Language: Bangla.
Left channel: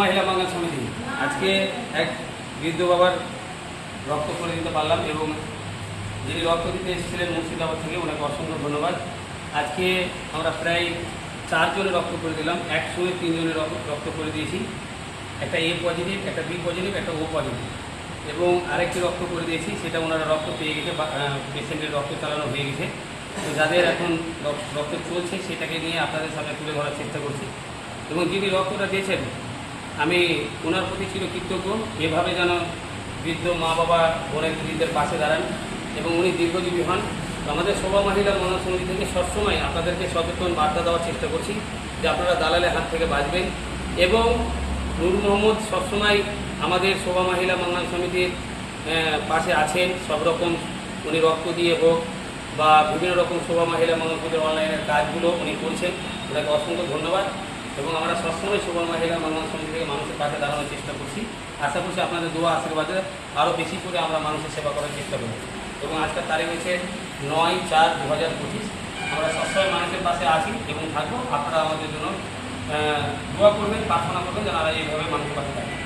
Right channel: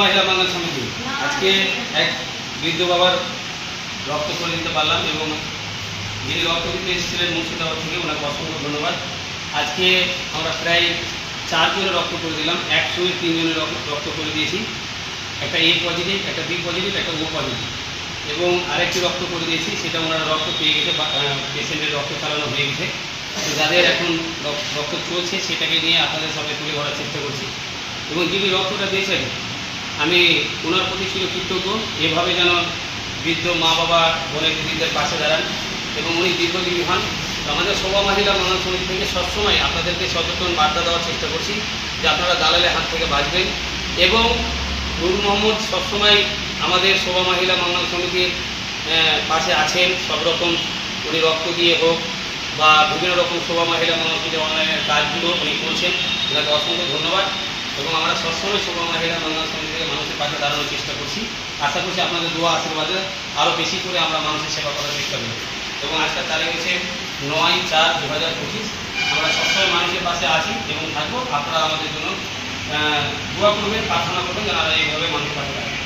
মহিলা বাঙাল সমিতি আজকে এক বৃদ্ধ বাবার রক্ত করে দিতে পারলাম এবং যিনি রক্ত দিতে এসেছিলেন মুর্শিদাবাদ থেকে ওনাকে অসংখ্য ধন্যবাদ। আজকে আমরা প্রায় 4 জনের রক্ত করে দিলাম, 103 জনের রক্ত করে দিয়েছি। একটা এ পজিটিভ, একটা বি পজিটিভ, একটা ও পজিটিভ এবং আরেকটি রক্ত করে দিয়েছি, সেটা ওনারা রক্ত পেয়ে গেছে, পেশেন্টের রক্ত চালানো হয়ে গেছে। তো যাদের এখন রক্ত চলছে সেটাকে নিয়ে আপনাদের সামনে তুলে ধরার চেষ্টা করছি। এবং যিনি রক্তটা দিয়েছেন আমি ওনার প্রতি ছিল কৃতজ্ঞ। এভাবে যেন বৃদ্ধ মা বাবা বোনের বৃদ্ধের পাশে দাঁড়ান এবং উনি দীর্ঘজীবী হন। তো আমাদের শোভা মহিলা বাঙাল সমিতি থেকে সবসময় আপনাদেরকে সচেতন বার্তা দেওয়ার চেষ্টা করছি যে আপনারা দালালের হাত থেকে বাঁচবেন। এবং নূর মোহাম্মদ সবসময় আমাদের শোভা মহিলা বাঙাল সমিতির পাশে আছেন, সব রকম উনি রক্ত দিয়ে হোক বা বিভিন্ন রকম শোভা মহিলা বাঙাল সমিতির অনলাইনের কাজগুলো উনি করছেন, ওনাকে অসংখ্য ধন্যবাদ। এবং আমরা সবসময় শোভা মহিলা বাঙাল সমিতি থেকে মানুষের পাশে দাঁড়ানোর চেষ্টা করছি। আশা করছি আপনাদের দোয়া আশীর্বাদে আরও বেশি করে আমরা মানুষের সেবা করার চেষ্টা করি। এবং আজকের তারিখ হচ্ছে 9/4/2025। আমরা সবসময় মানুষের পাশে আছি এবং থাকবো। আপনারা আমাদের জন্য দোয়া করবেন, প্রার্থনা করবেন যেন এইভাবে মানুষের পাশে থাকবেন।